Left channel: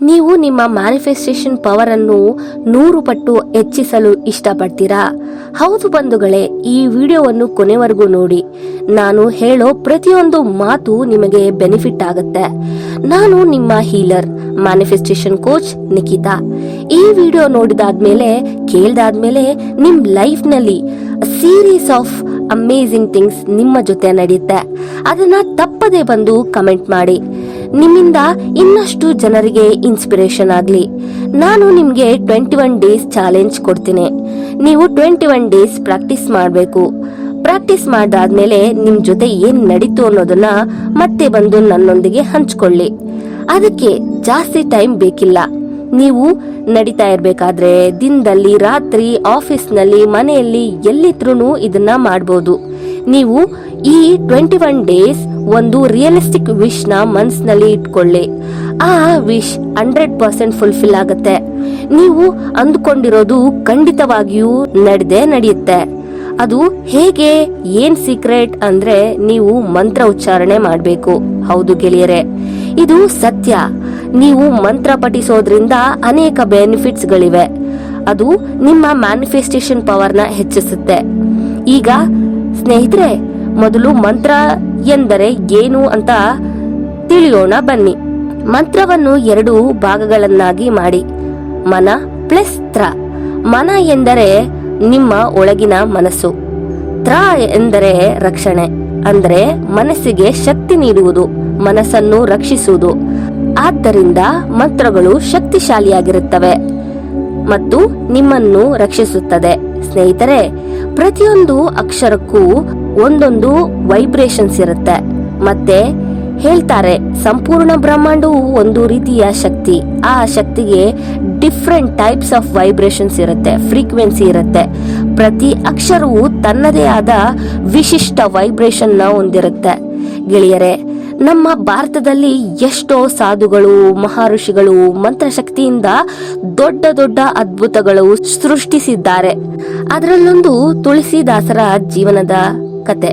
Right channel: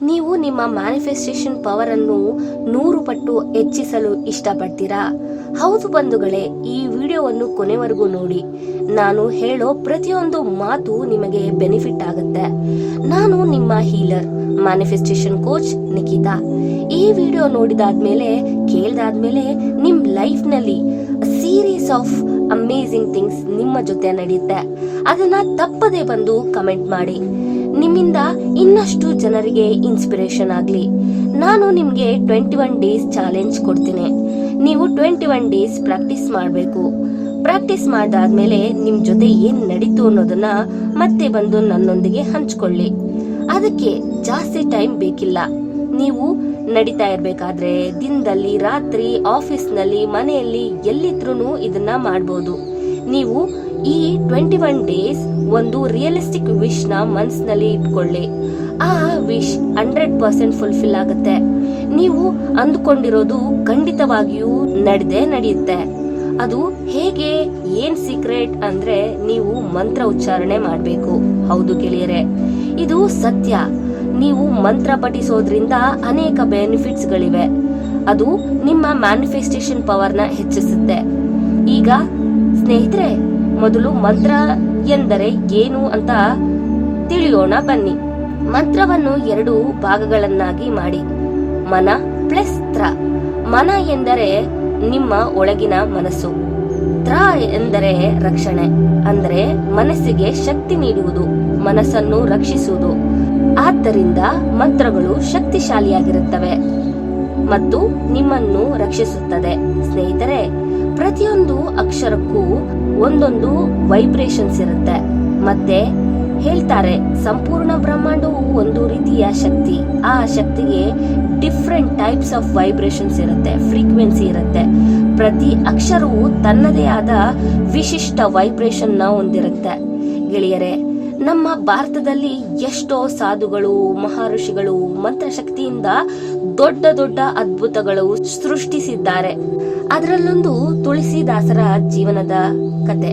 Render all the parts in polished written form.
ನೀವು ನಿಮ್ಮ manifestation power ಅನ್ನು 100 ಪಟ್ಟು ಹೆಚ್ಚಿಸಲು ಇಷ್ಟಪಡ್ತೀರಾ? ಹೌದು ಬಂಧುಗಳೇ, ಈ ವಿಡಿಯೋವನ್ನು ಕೊನೆವರೆಗೂ ನೋಡಿ. ನಾನು ಹೇಳೋ ಪ್ರತಿಯೊಂದು ಮಾತು ನಿಮಗೆ ಬೆನಿಫಿಟ್ ಆಗುತ್ತೆ. ನಾನು ನಿಮ್ಮ ಹೀಲರ್, ಮ್ಯಾನಿಫೆಸ್ಟೇಷನ್ ಕೋಚ್ ನಿಖಿತಾ. ಈ ವಿಡಿಯೋ ನೋಡಿದಾದ್ಮೇಲೆ ಕೇಳ್ದಾದ್ಮೇಲೆ ನಿಮ್ ಲೈಫ್ ನಲ್ಲಿ ಸೀರೀಸ್ ಆಫ್ ಅಮೇಜಿಂಗ್ ಥಿಂಗ್ಸ್ ನಿಮ್ಮ ಜೊತೆ ನಡೆಯುತ್ತೆ. ಅದನ್ನ ತಪ್ಪದೆ ಬಂದು ಕಮೆಂಟ್ ಮಾಡಿ. ನಿಮ್ಮಿಂದ ಇನ್ನಷ್ಟು ಜನರಿಗೆ ಇನ್ಸ್ಪಿರೇಷನ್ ಆಗ್ಲಿ. ನಾನು ನಿಮ್ಗೆ 21 ಡೇಸ್ ಚಾಲೆಂಜ್ ಕೊಡ್ತೀನಿ. ನೀವು 21 ಡೇಸ್ ಪ್ರಾಕ್ಟೀಸ್ ಮಾಡಬೇಕು. ಪ್ರಾಕ್ಟೀಸ್ ಮಾಡಾದ್ಮೇಲೆ ನಿಮ್ ಜೊತೆ ಏನ್ ನಡೀತು ಅನ್ನೋದನ್ನ ಮತ್ತೆ ಬಂದು ನನ್ನೊಂದಿಗೆ ಹಂಚ್ಕೊಳ್ಳಿ. ಅದಕ್ಕೆ ಜಾಸ್ತಿ ಟೈಮ್ ಬೇಕಿಲ್ಲ. ನೀವು ನಡೀತಾ ಇರ್ಬೇಕಾದ್ರೆ ದಿನದಲ್ಲಿ, ರಾತ್ರಿ, ಆಫೀಸ್ನಲ್ಲಿ, ಮನೆಯಲ್ಲಿ ಎಲ್ಲಿದ್ರೂ ಇದನ್ನ ಮಾಡಬಹುದು. ನೀವು ಈ 21 ಡೇಸ್ ಒಂದು ರಿಯಲಿಸ್ಟಿಕ್ ವಿಶ್ ನ ಮನಸ್ಸಿನಲ್ಲಿ ಇಟ್ಕೊಳ್ಳಿ. ಆ ವಿಶ್ 100% ಫುಲ್ಫಿಲ್ ಆಗುತ್ತೆ. ನೀವು ಅಂದುಕೊಂಡಿರೋದು ಖಂಡಿತವಾಗಿಯೂ ನಡೆಯುತ್ತೆ. ಅದು ಹೇಗೆ, ಏನ್ ಸೀಕ್ರೆಟ್ ಅಂದ್ರೆ ನೀವು ಮಂತ್ರ ಉಚ್ಚಾರಣೆ ಮಾಡಬೇಕು. ಹೌದು ಗೆಳೆಯರೆ, ಇದು ಸತ್ಯ. ನೀವು ಮಂತ್ರ ಪಠಿಸೋದ್ರಿಂದ ಅನೇಕ ಬೆನಿಫಿಟ್ಸ್ ಗಳಿವೆ. ಅದು ನಿಮ್ಮ ಮ್ಯಾನಿಫೆಸ್ಟೇಷನ್ ಪವರ್ ನ ಹೆಚ್ಚಿಸುತ್ತೆ. ಈಗ ಸ್ನೇಹಿತರೆ, ಮೊದಲು ಮಂತ್ರ ಎಂದರೆ ಏನು ಅಂತ ತಿಳಿಯೋಣ ಬನ್ನಿ. ಮಂತ್ರವನ್ನು 2 ಭಾಗಗಳನ್ನಾಗಿ ಮಾಡಿ. ಮನ ಪ್ಲಸ್ ತ್ರ. ಮನ ಎಂದರೆ ನಿಮ್ಮ ಒಳಗಿನ ಮನಸ್ಸು. ತ್ರ ಎಂದರೆ ರಕ್ಷಣೆ, ಅಂದರೆ ಮನಸ್ಸಿಗೆ ಶಕ್ತಿ ನೀಡುವುದು, ಮನಸ್ಸನ್ನು ರಕ್ಷಿಸುವುದು. ಆದ್ದರಿಂದ ಮಂತ್ರಗಳು ಶಕ್ತಿಶಾಲಿಯಾಗಿರುತ್ತವೆ ಮತ್ತು ನಿಮ್ಮನ್ನು ರಕ್ಷಿಸುತ್ತದೆ. ಸ್ನೇಹಿತರೆ, ಪ್ರತಿಯೊಂದು ಅಕ್ಷರಕ್ಕೂ ಒಂದೊಂದು ವೈಬ್ರೇಷನ್ಸ್ ಇರುತ್ತೆ. ಮತ್ತೆ ಹೇಳ್ತಾರೆ, ಸಂಪೂರ್ಣ ಬ್ರಹ್ಮಾಂಡವು ಒಂದು ರೀತಿಯ ಶಕ್ತಿ. ಆ ಶಕ್ತಿಗೆ ಡಿಫ್ರೆಂಟ್ ಟೈಪ್ಸ್ ಆಫ್ ವೈಬ್ರೇಷನ್ಸ್ ಇರುತ್ತೆ, ಫ್ರೀಕ್ವೆನ್ಸಿ ಇರುತ್ತೆ. ಪ್ರತಿ ಅಕ್ಷರವು ತನ್ನದೇ ಆದ ವಿಶಿಷ್ಟ ವೈಬ್ರೇಷನ್ ನ ಹೊಂದಿರುತ್ತೆ. ಗೆಳೆಯರೆ, ನಮ್ಮ ಭಾರತದಲ್ಲಿ ಎಷ್ಟೋ ಸಾಧುಗಳು, ಮಹರ್ಷಿಗಳು ಮಂತ್ರಶಕ್ತಿಯಿಂದ ದೊಡ್ಡ ದೊಡ್ಡ ಅದ್ಭುತಗಳು ಸೃಷ್ಟಿಸಿದ್ದಾರೆ. ಅದರಲ್ಲೊಂದು ತುಳಸಿದಾಸರ ಜೀವನದ ಕತೆ.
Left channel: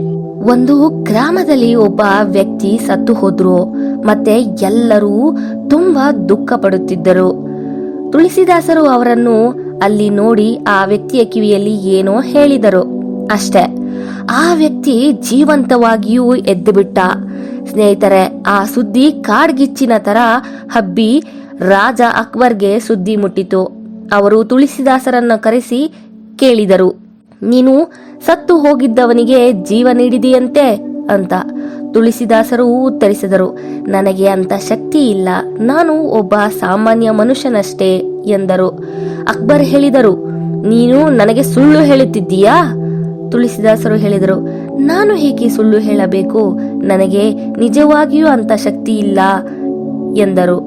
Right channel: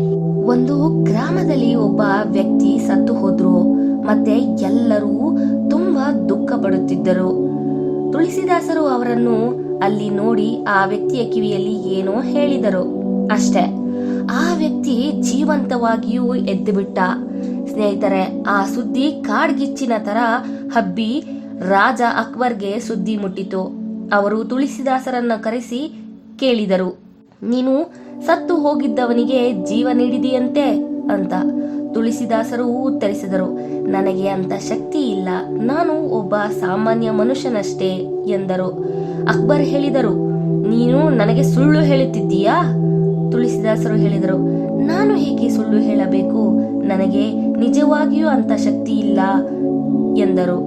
ಒಂದು ಗ್ರಾಮದಲ್ಲಿ ಒಬ್ಬ ವ್ಯಕ್ತಿ ಸತ್ತು ಹೋದ್ರು. ಮತ್ತೆ ಎಲ್ಲರೂ ತುಂಬಾ ದುಃಖ ಪಡುತ್ತಿದ್ದರು. ತುಳಸಿದಾಸರು ಅವರನ್ನು ಅಲ್ಲಿ ನೋಡಿ ಆ ವ್ಯಕ್ತಿಯ ಕಿವಿಯಲ್ಲಿ ಏನೋ ಹೇಳಿದರು. ಅಷ್ಟೇ, ಆ ವ್ಯಕ್ತಿ ಜೀವಂತವಾಗಿಯೂ ಎದ್ದು ಬಿಟ್ಟ. ಸ್ನೇಹಿತರೆ, ಆ ಸುದ್ದಿ ಕಾಡ್ಗಿಚ್ಚಿನ ತರ ಹಬ್ಬಿ ರಾಜ ಅಕ್ಬರ್ಗೆ ಸುದ್ದಿ ಮುಟ್ಟಿತು. ಅವರು ತುಳಸಿದಾಸರನ್ನ ಕರೆಸಿ ಕೇಳಿದರು, ನೀನು ಸತ್ತು ಹೋಗಿದ್ದವನಿಗೆ ಜೀವ ನೀಡಿದೆಯಂತೆ ಅಂತ. ತುಳಸಿದಾಸರು ಉತ್ತರಿಸಿದರು, ನನಗೆ ಅಂತ ಶಕ್ತಿ ಇಲ್ಲ, ನಾನು ಒಬ್ಬ ಸಾಮಾನ್ಯ ಮನುಷ್ಯನಷ್ಟೇ ಎಂದರು. ಅಕ್ಬರ್ ಹೇಳಿದರು, ನೀನು ನನಗೆ ಸುಳ್ಳು ಹೇಳುತ್ತಿದ್ದೀಯಾ? ತುಳಸಿದಾಸರು ಹೇಳಿದರು, ನಾನು ಹೇಗೆ ಸುಳ್ಳು ಹೇಳಬೇಕು, ನನಗೆ ನಿಜವಾಗಿಯೂ ಅಂತ ಶಕ್ತಿ ಇಲ್ಲ ಎಂದರು.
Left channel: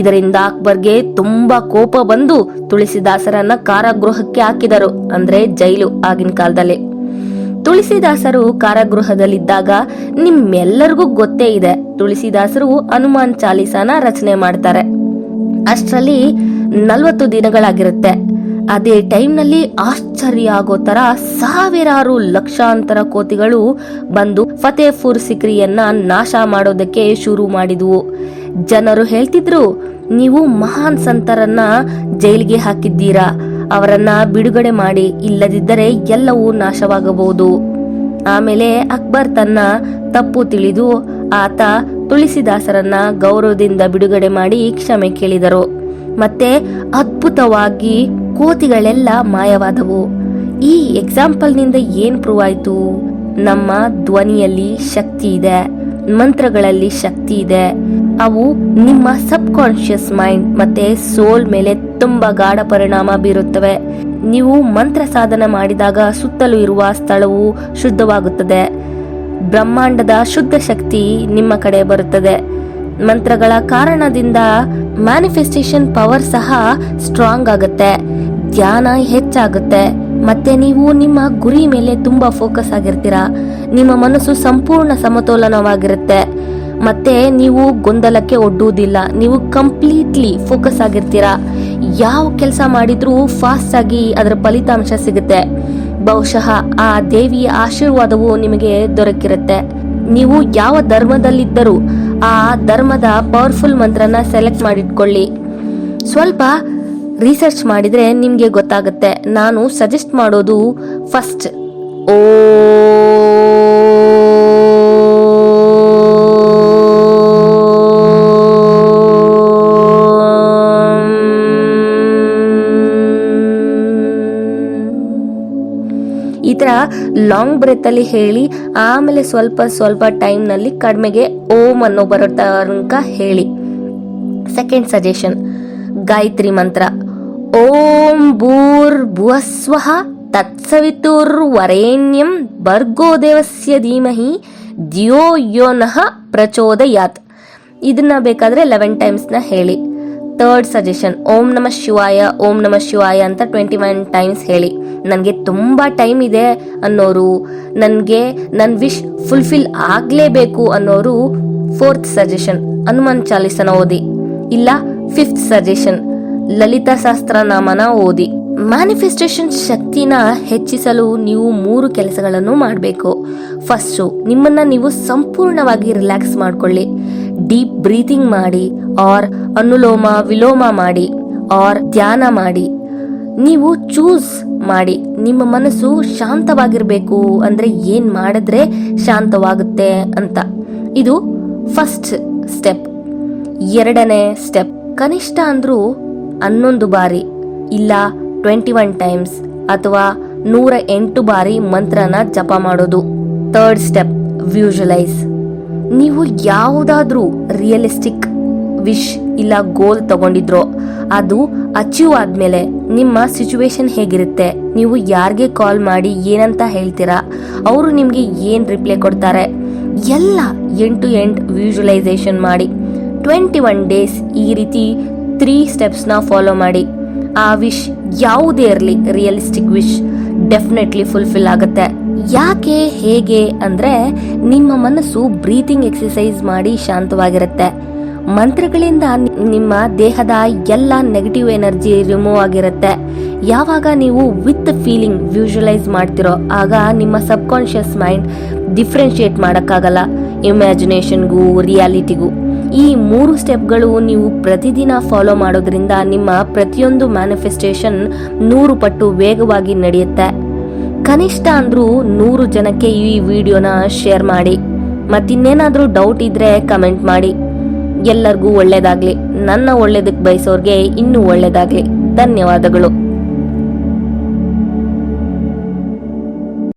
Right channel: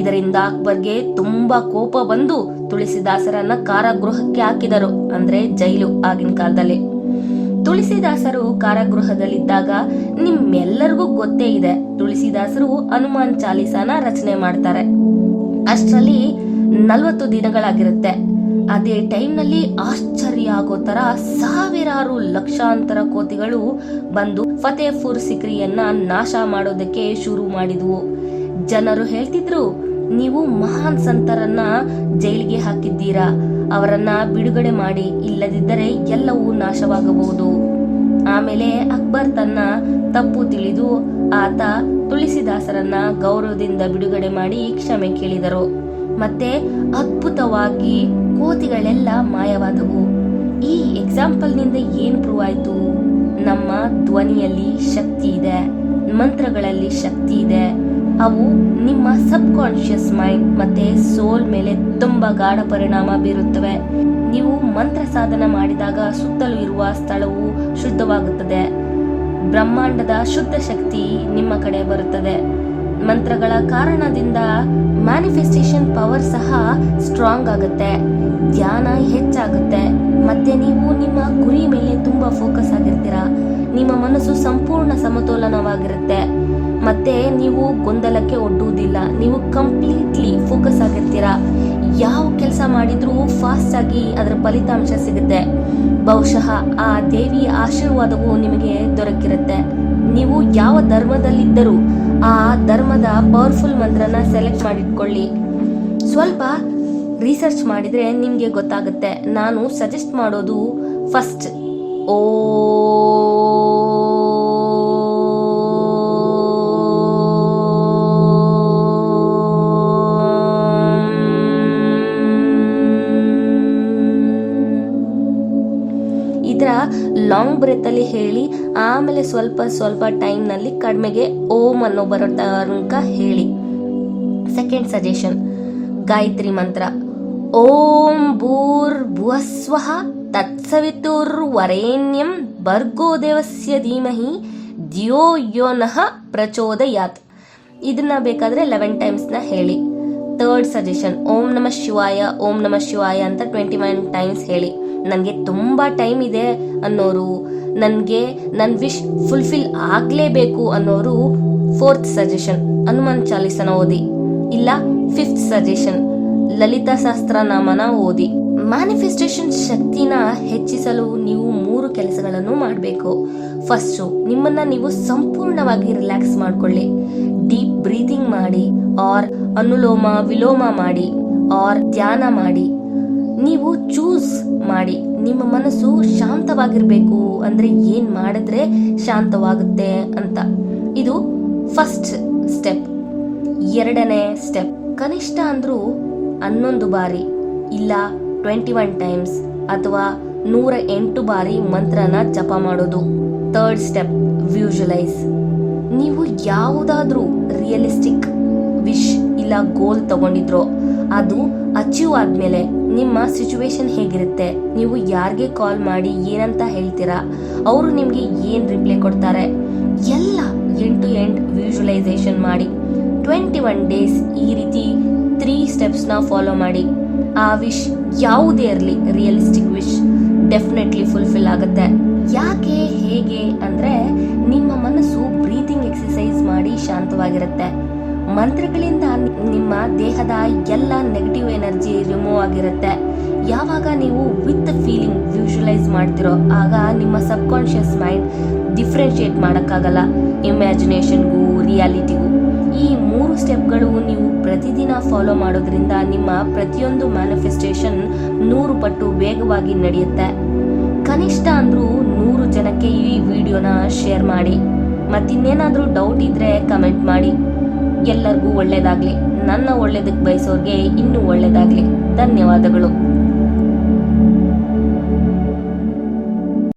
ಇದರಿಂದ ಅಕ್ಬರ್ಗೆ ತುಂಬಾ ಕೋಪ ಬಂದು ತುಳಸಿದಾಸರನ್ನ ಕಾರಾಗೃಹಕ್ಕೆ ಹಾಕಿದರು, ಅಂದ್ರೆ ಜೈಲು ಆಗಿನ ಕಾಲದಲ್ಲಿ. ತುಳಸಿದಾಸರು ಕಾರಾಗೃಹದಲ್ಲಿದ್ದಾಗ ನಿಮ್ಮೆಲ್ಲರಿಗೂ ಗೊತ್ತೇ ಇದೆ, ತುಳಸಿದಾಸರು ಹನುಮಾನ್ ಚಾಲೀಸಾನ ರಚನೆ ಮಾಡ್ತಾರೆ. ಅಷ್ಟರಲ್ಲಿ 40 ದಿನಗಳಾಗಿರುತ್ತೆ. ಅದೇ ಟೈಮ್ ನಲ್ಲಿ ಆಶ್ಚರ್ಯ ಆಗೋ ತರ ಸಾವಿರಾರು ಲಕ್ಷಾಂತರ ಕೋತಿಗಳು ಬಂದು ಫತೇಪುರ್ ಸಿಕ್ರಿಯನ್ನ ನಾಶ ಮಾಡೋದಕ್ಕೆ ಶುರು ಮಾಡಿದ್ವು. ಜನರು ಹೇಳ್ತಿದ್ರು, ನೀವು ಮಹಾನ್ ಸಂತರನ್ನ ಜೈಲಿಗೆ ಹಾಕಿದ್ದೀರಾ, ಅವರನ್ನ ಬಿಡುಗಡೆ ಮಾಡಿ, ಇಲ್ಲದಿದ್ದರೆ ಎಲ್ಲವೂ ನಾಶವಾಗಬಹುದು. ಆಮೇಲೆ ಅಕ್ಬರ್ ತನ್ನ ತಪ್ಪು ತಿಳಿದು ಆತ ತುಳಸಿದಾಸರನ್ನ ಗೌರವದಿಂದ ಬಿಡುಗಡೆ ಮಾಡಿ ಕ್ಷಮೆ ಕೇಳಿದರು. ಮತ್ತೆ ಅದ್ಭುತವಾಗಿ ಕೋತಿಗಳೆಲ್ಲ ಮಾಯವಾದವು. ಈ ಎಕ್ಸಾಂಪಲ್ ನಿಂದ ಏನ್ ಪ್ರೂವ್ ಆಯ್ತು? ನಮ್ಮ ಧ್ವನಿಯಲ್ಲಿ ಶಕ್ತಿ ಇದೆ, ಮಂತ್ರಗಳಲ್ಲಿ ಶಕ್ತಿ ಇದೆ. ಅವು ನಿಮ್ಮ ಸಬ್ ಕಾನ್ಶಿಯಸ್ ಮೈಂಡ್ ಮತ್ತೆ ಸೋಲ್ ಮೇಲೆ ತುಂಬಾ ಗಾಢ ಪರಿಣಾಮ ಬೀರುತ್ತವೆ. ನೀವು ಮಂತ್ರ ಸಾಧನೆ ಮಾಡಿದಾಗ ಸುತ್ತಲೂ ಇರುವ ಸ್ಥಳವು ಶುದ್ಧವಾಗುತ್ತದೆ. ಬ್ರಹ್ಮಾಂಡದ ಶುದ್ಧ ಶಕ್ತಿ ನಿಮ್ಮ ಕಡೆ ಬರುತ್ತದೆ. ಮಂತ್ರಗಳ ಕಾರಣದಿಂದ ಮ್ಯಾನಿಫೆಸ್ಟೇಷನ್ ಪವರ್ ಸಹ ಸ್ಟ್ರಾಂಗ್ ಆಗುತ್ತೆ, ಧ್ಯಾನ ಹೆಚ್ಚಾಗುತ್ತೆ. ಮತ್ತೆ ನೀವು ನಿಮ್ಮ ಗುರಿ ಮೇಲೆ ತುಂಬಾ ಫೋಕಸ್ ಆಗಿರ್ತೀರಾ. ನಿಮ್ಮ ಮನಸ್ಸು ಸಂಪೂರ್ಣ ಸಮತೋಲನವಾಗಿರುತ್ತೆ. ಮತ್ತೆ ನೀವು ಗೊಂದಲಕ್ಕೆ ಒಡ್ಡುವುದಿಲ್ಲ. ನೀವು ಕಂಪ್ಲೀಟ್ಲಿ ಫೋಕಸ್ ಆಗಿರ್ತೀರಾ. ಯಾವ ಕೆಲಸ ಮಾಡಿದ್ರೂ ಫಾಸ್ಟ್ ಆಗಿ ಅದರ ಫಲಿತಾಂಶ ಸಿಗುತ್ತೆ. ಬಹುಶಃ ಆ ದೇವಿಯ ಆಶೀರ್ವಾದವು ನಿಮಗೆ ದೊರಕಿರುತ್ತೆ. ನೀವು ಯಾವ ಧರ್ಮದಲ್ಲಿದ್ದರೂ ಆ ಧರ್ಮದ ಪವರ್ಫುಲ್ ಮಂತ್ರನ ಸೆಲೆಕ್ಟ್ ಮಾಡಿಟ್ಕೊಳ್ಳಿ. ಸ್ವಲ್ಪ ರಿಸರ್ಚ್ ಮಾಡಿದ್ರೆ ನಿಮಗೆ ಗೊತ್ತಾಗುತ್ತೆ. ನಾನು ಸಜೆಸ್ಟ್ ಮಾಡೋದು ಫಸ್ಟ್ ಈ ತರ ಲಾಂಗ್ ಬ್ರೆತ್ ಅಲ್ಲಿ ಹೇಳಿ, ಆಮೇಲೆ ಸ್ವಲ್ಪ ಟೈಮ್ನಲ್ಲಿ ಕಡಿಮೆಗೆ ಓಂ ಅನ್ನೋ ಬರೋ ತನಕ ಹೇಳಿ. ಸೆಕೆಂಡ್ ಸಜೆಷನ್, ಗಾಯತ್ರಿ ಮಂತ್ರ. ಓಂ ಭೂರ್ ಭುವಸ್ವಃ ತತ್ಸವಿತುರ್ವರೆಣ್ಯಂ ಭರ್ಗೋ ದೇವಸ್ಯ ಧೀಮಹಿ ಧಿಯೋ ಯೋ ನಃ ಪ್ರಚೋದಯಾತ್. ಇದನ್ನ ಬೇಕಾದ್ರೆ 11 ಟೈಮ್ಸ್ನ ಹೇಳಿ. ಥರ್ಡ್ ಸಜೆಷನ್, ಓಂ ನಮಃ ಶಿವಾಯ ಓಂ ನಮಃ ಶಿವಾಯ ಅಂತ 21 ಟೈಮ್ಸ್ ಹೇಳಿ. ನನಗೆ ತುಂಬ ಟೈಮ್ ಇದೆ ಅನ್ನೋರು, ನನಗೆ ನನ್ನ ವಿಶ್ ಫುಲ್ಫಿಲ್ ಆಗಲೇಬೇಕು ಅನ್ನೋರು ಫೋರ್ತ್ ಸಜೆಷನ್, ಹನುಮಾನ್ ಚಾಲಿಸನ ಓದಿ. ಇಲ್ಲ ಫಿಫ್ತ್ ಸಜೆಷನ್, ಲಲಿತಾ ಸಹಸ್ರನಾಮನ ಓದಿ. ಮ್ಯಾನಿಫೆಸ್ಟೇಷನ್ ಶಕ್ತಿನ ಹೆಚ್ಚಿಸಲು ನೀವು 3 ಕೆಲಸಗಳನ್ನು ಮಾಡಬೇಕು. ಫಸ್ಟು, ನಿಮ್ಮನ್ನ ನೀವು ಸಂಪೂರ್ಣವಾಗಿ ರಿಲ್ಯಾಕ್ಸ್ ಮಾಡ್ಕೊಳ್ಳಿ. ಡೀಪ್ ಬ್ರೀತಿಂಗ್ ಮಾಡಿ, ಆರ್ ಅನುಲೋಮ ವಿಲೋಮ ಮಾಡಿ, ಆರ್ ಧ್ಯಾನ ಮಾಡಿ. ನೀವು ಚೂಸ್ ಮಾಡಿ. ನಿಮ್ಮ ಮನಸ್ಸು ಶಾಂತವಾಗಿರ್ಬೇಕು ಅಂದ್ರೆ ಏನ್ ಮಾಡಿದ್ರೆ ಶಾಂತವಾಗುತ್ತೆ ಅಂತ. ಇದು ಫಸ್ಟ್ ಸ್ಟೆಪ್. ಎರಡನೇ ಸ್ಟೆಪ್, ಕನಿಷ್ಠ ಅಂದ್ರೂ 11 ಬಾರಿ ಇಲ್ಲ 21 ಟೈಮ್ಸ್ ಅಥವಾ 108 ಬಾರಿ ಮಂತ್ರನ ಜಪ ಮಾಡೋದು. Third step, visualise. ನೀವು ಯಾವುದಾದ್ರೂ ರಿಯಲಿಸ್ಟಿಕ್ ವಿಶ್ ಇಲ್ಲ ಗೋಲ್ ತಗೊಂಡಿದ್ರೋ ಅದು ಅಚೀವ್ ಆದ್ಮೇಲೆ ನಿಮ್ಮ ಸಿಚುವೇಶನ್ ಹೇಗಿರುತ್ತೆ, ನೀವು ಯಾರಿಗೆ ಕಾಲ್ ಮಾಡಿ ಏನಂತ ಹೇಳ್ತೀರಾ, ಅವರು ನಿಮ್ಗೆ ಏನ್ ರಿಪ್ಲೈ ಕೊಡ್ತಾರೆ, ಎಲ್ಲ ಎಂಡ್ ಟು ಎಂಡ್ ವಿಜುವಲೈಸೇಷನ್ ಮಾಡಿ. 21 ಡೇಸ್ ಈ ರೀತಿ 3 ಸ್ಟೆಪ್ಸ್ನ ಫಾಲೋ ಮಾಡಿ. ಆ ವಿಶ್ ಯಾವುದೇ ಇರಲಿ, ರಿಯಲಿಸ್ಟಿಕ್ ವಿಶ್ ಡೆಫಿನೆಟ್ಲಿ ಫುಲ್ಫಿಲ್ ಆಗುತ್ತೆ. ಯಾಕೆ ಹೇಗೆ ಅಂದ್ರೆ ನಿಮ್ಮ ಮನಸ್ಸು ಬ್ರೀತಿಂಗ್ ಎಕ್ಸಸೈಸ್ ಮಾಡಿ ಶಾಂತವಾಗಿರುತ್ತೆ. ಮಂತ್ರಗಳಿಂದ ನಿಮ್ಮ ದೇಹದ ಎಲ್ಲ ನೆಗೆಟಿವ್ ಎನರ್ಜಿ ರಿಮೂವ್ ಆಗಿರುತ್ತೆ. ಯಾವಾಗ ನೀವು ವಿತ್ ಫೀಲಿಂಗ್ ವಿಜುವಲೈಸ್ ಮಾಡ್ತಿರೋ ಆಗ ನಿಮ್ಮ ಸಬ್ ಕಾನ್ಶಿಯಸ್ ಮೈಂಡ್ ಡಿಫ್ರೆನ್ಶಿಯೇಟ್ ಮಾಡೋಕ್ಕಾಗಲ್ಲ ಇಮ್ಯಾಜಿನೇಷನ್ಗೂ ರಿಯಾಲಿಟಿಗೂ. ಈ 3 ಸ್ಟೆಪ್ಗಳು ನೀವು ಪ್ರತಿದಿನ ಫಾಲೋ ಮಾಡೋದ್ರಿಂದ ನಿಮ್ಮ ಪ್ರತಿಯೊಂದು ಮ್ಯಾನಿಫೆಸ್ಟೇಷನ್ 100 ಪಟ್ಟು ವೇಗವಾಗಿ ನಡೆಯುತ್ತೆ. ಕನಿಷ್ಠ ಅಂದ್ರೂ 100 ಜನಕ್ಕೆ ಈ ವಿಡಿಯೋನ ಶೇರ್ ಮಾಡಿ. ಮತ್ತಿನ್ನೇನಾದ್ರೂ ಡೌಟ್ ಇದ್ರೆ ಕಮೆಂಟ್ ಮಾಡಿ. ಎಲ್ಲರಿಗೂ ಒಳ್ಳೇದಾಗ್ಲಿ. ನನ್ನ ಒಳ್ಳೇದಕ್ಕೆ ಬಯಸೋರ್ಗೆ ಇನ್ನೂ ಒಳ್ಳೇದಾಗ್ಲಿ. ಧನ್ಯವಾದಗಳು.